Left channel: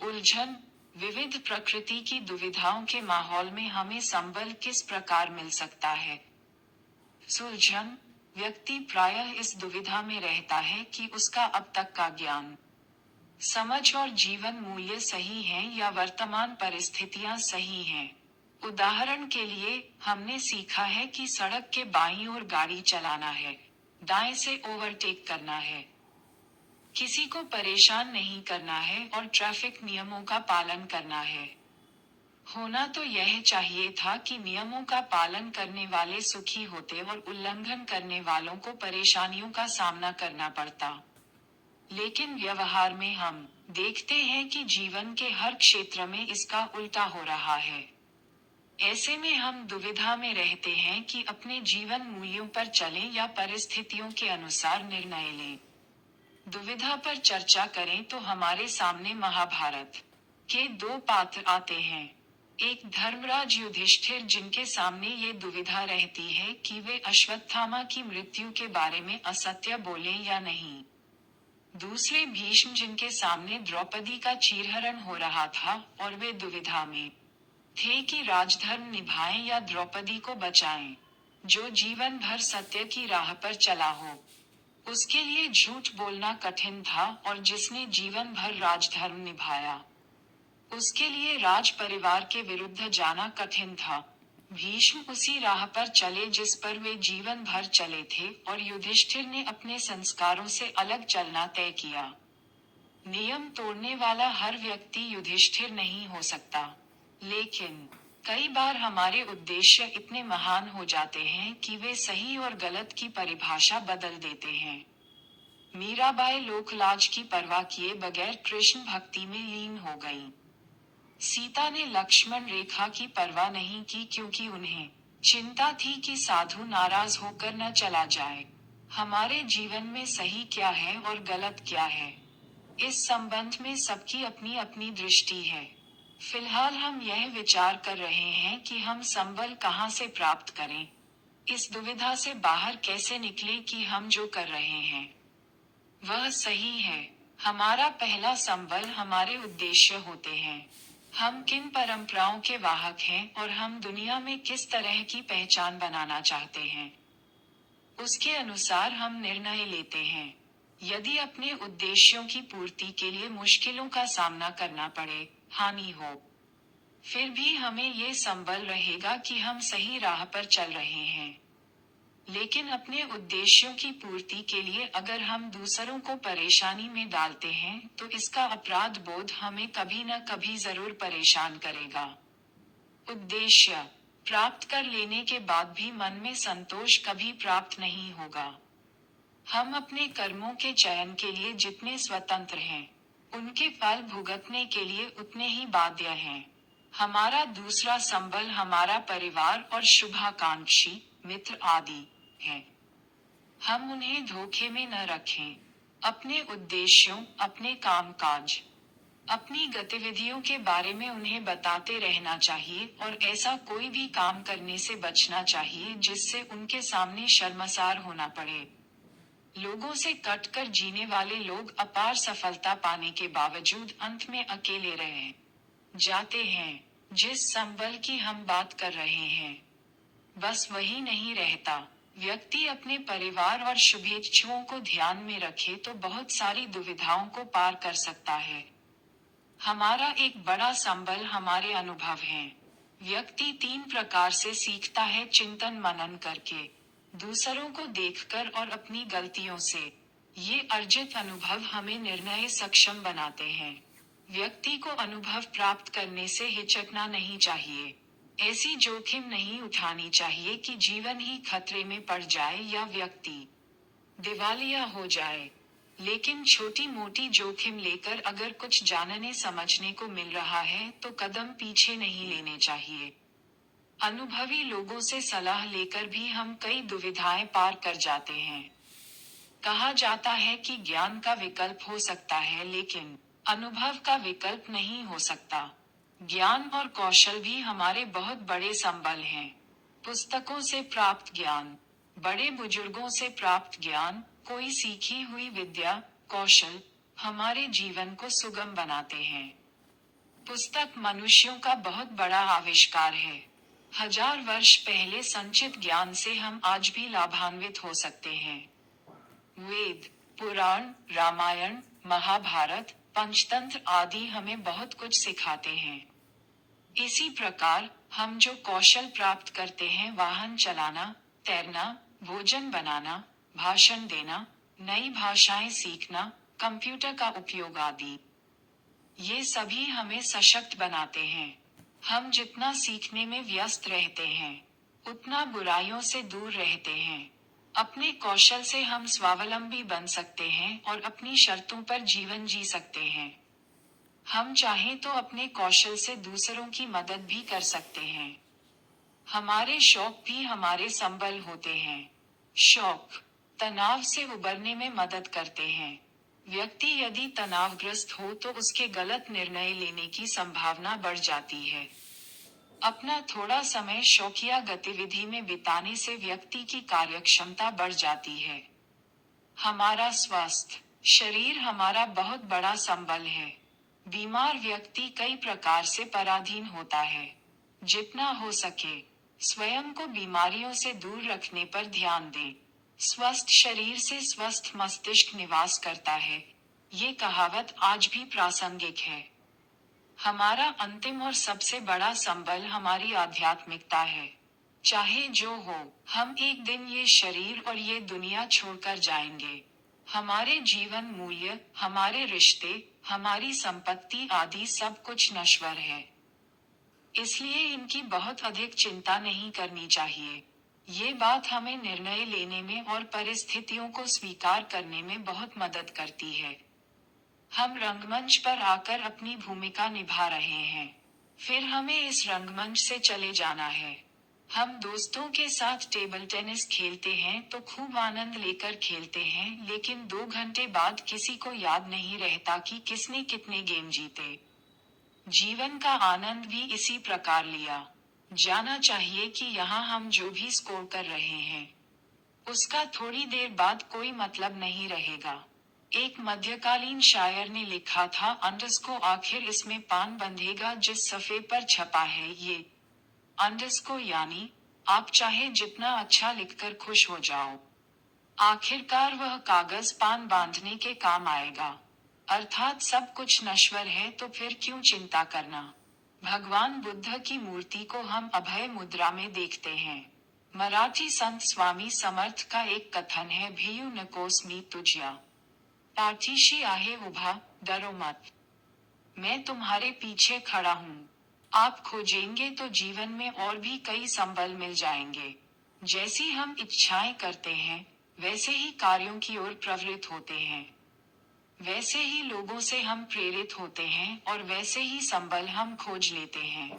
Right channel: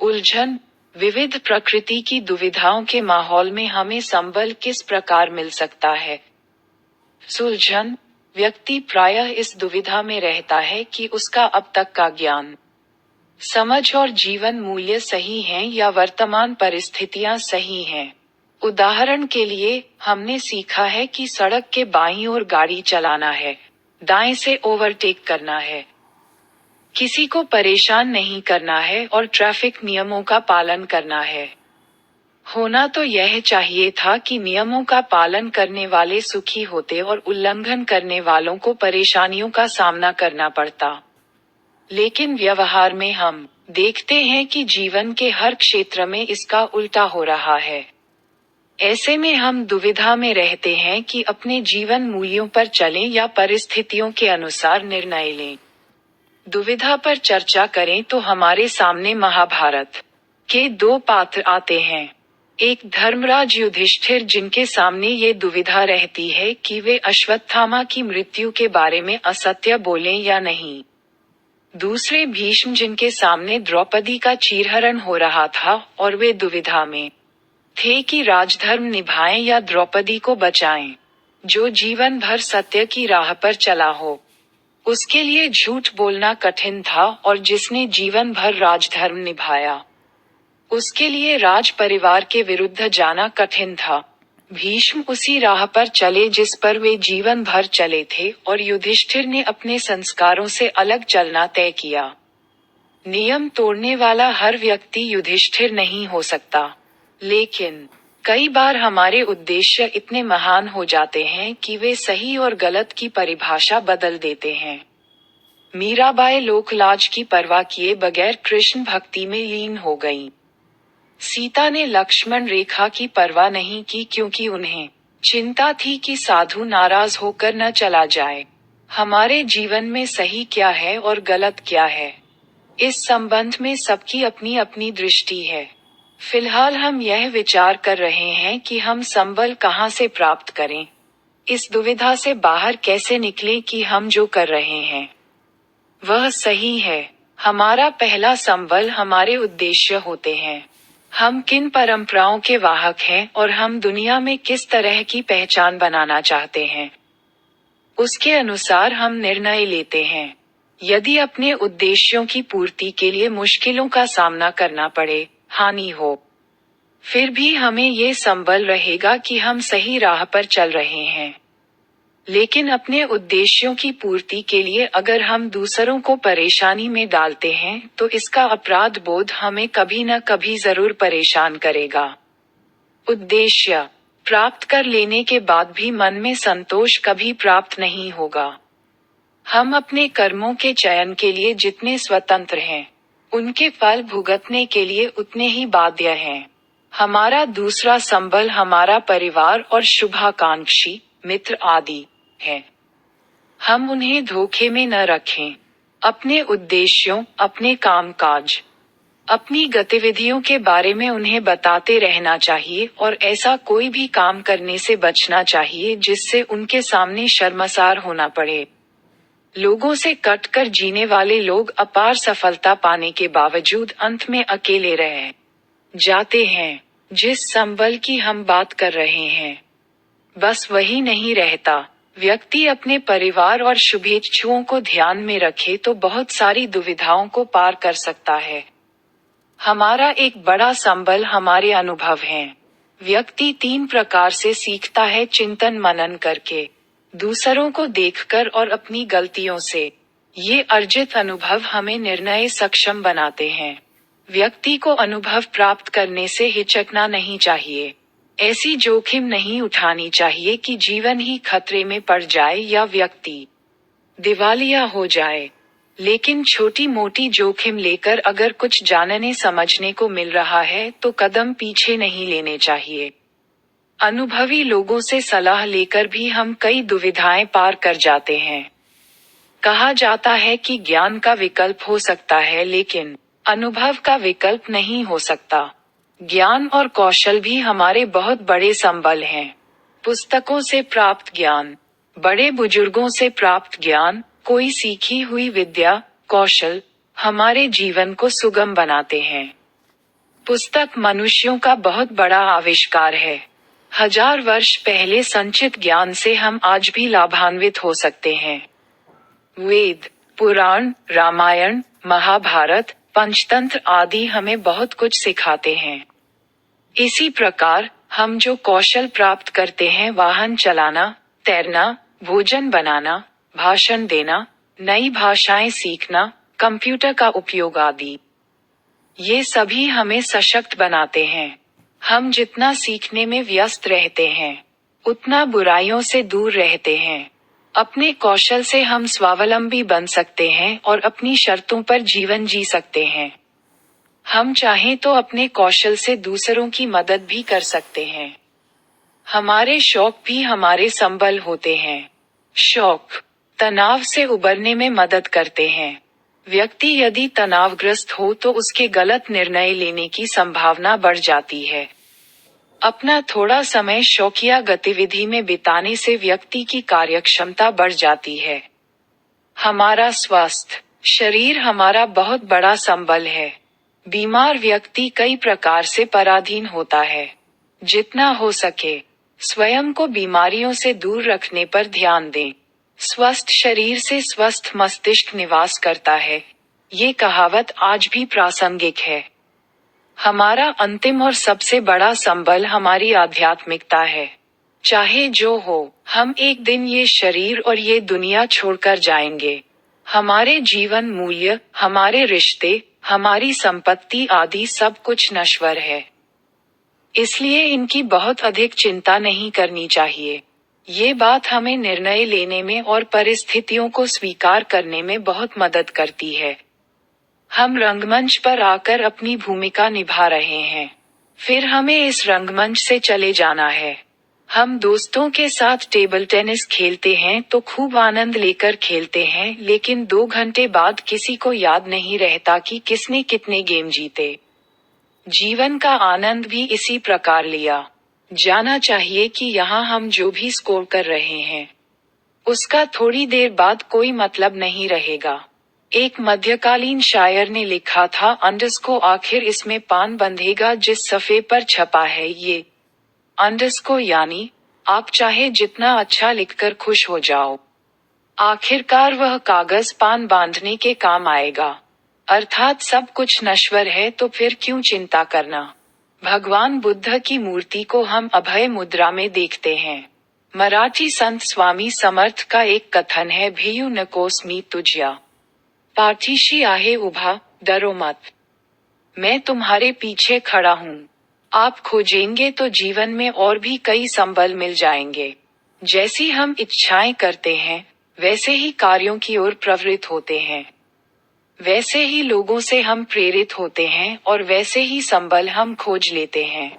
उलझन, विविध प्रकृति की दुविधाओं के माहौल में हमें संबल किस प्रकार मिल सकता है? सुलझन, व्यक्ति प्रायः इस दुविधा में रहता है कि उसका अब तक का ज्ञान, समझ और जीवन मूल्य सही हैं या वर्तमान परिस्थितियां सही हैं। उदाहरण के लिए, हमने सीखा है कि सड़क के बाईं ओर गाड़ी चलाना है, दाएं से ओवरटेक करना है, किसी को परेशान नहीं करना है और ट्रैफिक नियमों का पालन करना है। होना तो यह चाहिए था कि नियमों का पालन करने वाले सुखी होते और उल्लंघन करने वालों को परेशानियों का सामना करना पड़ता। लेकिन व्यवहार में हम देखते हैं कि जीवन के हर क्षेत्र में इसका उल्टा हो रहा है। ऐसे में हम दुविधा में रहते हैं कि अपने जीवन मूल्यों पर चलें या परिस्थितियों के अनुसार निर्णय लें। दुविधा पर चर्चा करें तो हमारे सामने महाभारत के दो पात्र आते हैं। एक धर्मराज युधिष्ठिर, जिनके सामने ये दुविधा रहती है कि वे अश्वत्थामा की मृत्यु के बारे में असत्य बोलें या नहीं। दूसरे भीष्म, जिनके सामने द्रौपदी का चीरहरण हो रहा था और वे दुविधा में थे कि राजधर्म निभाएं या द्रौपदी को बचाएं। जो जीवन भर सत्य की राह पर चला हो, उसके लिए झूठ बोलना कठिन था, और जिसने जीवन भर राजधर्म निभाया, उसके लिए राज परिवार के विरुद्ध जाना कठिन था। भीष्म उसी राह पर चले जिस पर वे जीवन भर चले थे, और युधिष्ठिर ने अपने संस्कारों से अलग चलना तय किया। नियम तोड़ने वाला हर व्यक्ति युधिष्ठिर नहीं हो सकता, लेकिन कई बार हमारे उद्देश्य इतने महान हो जाते हैं कि वे सही और गलत की परिभाषा बदल देते हैं। मीराबाई लोकलाज की परवाह किए बगैर कृष्ण भक्ति में लीन हो गईं। सीता ने लक्ष्मण रेखा की परवाह नहीं की, क्योंकि उन्हें चिंता थी कि साधु नाराज होकर न चला जाए। हमारे जीवन में सही क्या है और गलत क्या है, इस संबंध में सबकी अपनी अपनी दृष्टि है। फिलहाल हम यह विचार कर रहे हैं कि हम संबल कहाँ से प्राप्त करें, इस दुविधा से बाहर कैसे निकलें कि हम जो कर रहे हैं वह सही है। हमारा पहला संबल हमारे उद्देश्य होते हैं। हम किन परंपराओं के वाहक हैं और हम दुनिया में किस तरह की पहचान बनाना चाहते हैं, उसके अनुसार हम निर्णय लेते हैं। यदि अपने उद्देश्यों की पूर्ति के लिए मुश्किलों का सामना करना पड़े, हानि हो, फिर भी हमें ये संबल रहेगा कि हम सही राह पर चल रहे हैं। लेकिन अपने उद्देश्यों की पूर्ति के लिए अगर हम दूसरों को परेशानी में डालते हैं, तो इसका अपराध बोध हमें कभी न कभी जरूर परेशान करेगा। उद्देश्य प्राप्त कर लेने के बाद भी मन में संतोष कभी प्राप्त नहीं होगा। हम अपने कर्मों के चयन के लिए जितने स्वतंत्र हैं, उनके फल भुगतने के लिए उतने ही बाध्य हैं। हमारा दूसरा संबल हमारा परिवार और शुभाकांक्षी मित्र आदि है। हम उन्हें धोखे में न रखें। अपने उद्देश्यों, अपने कामकाज, अपनी गतिविधियों के बारे में उन्हें बताते रहना चाहिए, और ऐसा कोई भी काम करने से बचना चाहिए जिससे उनके सामने शर्मसार होना पड़े। लोगों से कटकर जीने वाले लोग अपार सफलता पाने के बावजूद अंत में अकेले रह जाते हैं। जिस संबल की हम बात कर रहे हैं, बस वही नहीं रहता। व्यक्ति अपने परिवार और शुभेच्छुओं को ध्यान में रखे तो बहुत सारी दुविधाओं को पार कर सकता है। हमारा एक बड़ा संबल हमारे अनुभव हैं। व्यक्ति 3 प्रकार से सीखता है: चिंतन मनन करके, दूसरों को देखकर और अपनी गलतियों से। ये अर्जित अनुभव हमें निर्णय सक्षम बनाते हैं। व्यक्ति को अनुभव प्राप्त करने से हिचकना नहीं चाहिए। ऐसी जोखिम नहीं उठानी चाहिए कि जीवन ही खतरे में पड़ जाए या व्यक्ति दिवालिया हो जाए। लेकिन छोटी मोटी जोखिम लेकर अगर कुछ जानने समझने को मिल रहा है तो कदम पीछे नहीं लेने चाहिए। अनुभवी लोगों से सलाह लेकर भी हम कई दुविधाएं पार कर जाते हैं। कहा जाता है कि ज्ञान का विकल्प हो सकता है, लेकिन अनुभव का विकल्प नहीं हो सकता। ज्ञान और कौशल भी हमारे बहुत बड़े संबल हैं। पुस्तकों से प्राप्त ज्ञान, बड़े बुजुर्गों से प्राप्त ज्ञान, कोई सीखी हुई विद्या, कौशल हमारे जीवन को सुगम बनाते हैं। पुस्तक मनुष्यों का बहुत बड़ा आविष्कार है। 1000 वर्ष पहले संचित ज्ञान से हम आज भी लाभान्वित हो सकते हैं। वेद, पुराण, रामायण, महाभारत, पंचतंत्र आदि हमें बहुत कुछ सिखाते हैं। इसी प्रकार हम जो कौशल प्राप्त करते हैं, वाहन चलाना, तैरना, भोजन बनाना, भाषण देना, नई भाषाएं सीखना, कंप्यूटर का उपयोग आदि, ये सभी हमें सशक्त बनाते हैं। हम जितना सीखने में व्यस्त रहते हैं, उतना बुराइयों से दूर रहते हैं। अपने कौशल से हम स्वावलंबी बन सकते हैं और अपनी शर्तों पर जीवन जी सकते हैं। हम चाहें तो अपने कौशल से दूसरों की मदद भी कर सकते हैं। हमारे शौक भी हमारे संबल होते हैं। शौक तनाव से उबरने में मदद करते हैं। व्यक्ति यदि तनावग्रस्त हो तो उसके गलत निर्णय लेने की संभावना बढ़ जाती है। अपना थोड़ा समय शौकिया गतिविधि में बिताने से व्यक्ति की कार्यक्षमता बढ़ जाती है। हमारा स्वास्थ्य शरीर हमारा बहुत बड़ा संबल है। बीमार व्यक्ति कई प्रकार से पराधीन होता है। जितना हो सके स्वयं को बीमारियों से दूर रखने पर ध्यान दें। स्वस्थ शरीर से स्वस्थ मस्तिष्क निवास करता है। ये कहावत आज भी प्रासंगिक है। हमारा अंतिम और सबसे बड़ा संबल हमारी आध्यात्मिकता है। चाहे जो हो, हम एक दिन ये शरीर और ये दुनिया छोड़कर जाएंगे। हमारे जीवन मूल्य, हमारे रिश्ते, हमारी संपत्ति आदि सब कुछ नश्वर है। इसलिए इनकी बहुत अधिक चिंता नहीं करनी चाहिए। ये बात हमें निर्णय लेने में और परिस्थितियों को स्वीकार करने में बहुत मदद करती है। हम रंगमंच पर आकर अपनी भूमिका निभा रहे हैं, फिर हमें इस रंगमंच से चले जाना है। हम दोस्तों के साथ टेबल टेनिस खेलते हैं तो खूब आनंद लेकर खेलते हैं, लेकिन 2 घंटे बाद किसी को याद नहीं रहता कि किसने कितने गेम जीते। जीवन का आनंद भी इसी प्रकार लिया जाना चाहिए कि यहाँ हम जो भी स्कोर कर रहे हैं, उसका थोड़ी देर बाद कोई मतलब नहीं रहेगा। एक मध्यकालीन शायर ने लिखा था, अंडरस्को आखिर इसमें पान बंधेगा जिस सफ़े पर छपा है ये। अंडरस्को यानी आप चाहे जितना अच्छा लिखकर खुश हो जाओ, आखिरकार वह कागज पान बांधने के काम आएगा। अर्थात सब कुछ नश्वर है तो फिर क्यों चिंता करना। भगवान बुद्ध की मूर्ति को हम अभय मुद्रा में देखते हैं। मराठी संत स्वामी समर्थ का एक कथन है, भियू नकोस मी तुझ्या, पाठीशी आहे उभा, डरो मत, मैं तुम्हारे पीछे खड़ा हूँ। आप खोजेंगे तो जीवन में और भी कई संबल मिल जाएंगे। जैसी हम इच्छाएं करते हैं, वैसे ही कार्यों की ओर प्रवृत्त होते हैं। वैसे ही लोगों से हम प्रेरित होते हैं और वैसे ही संबल हम खोज लेते हैं।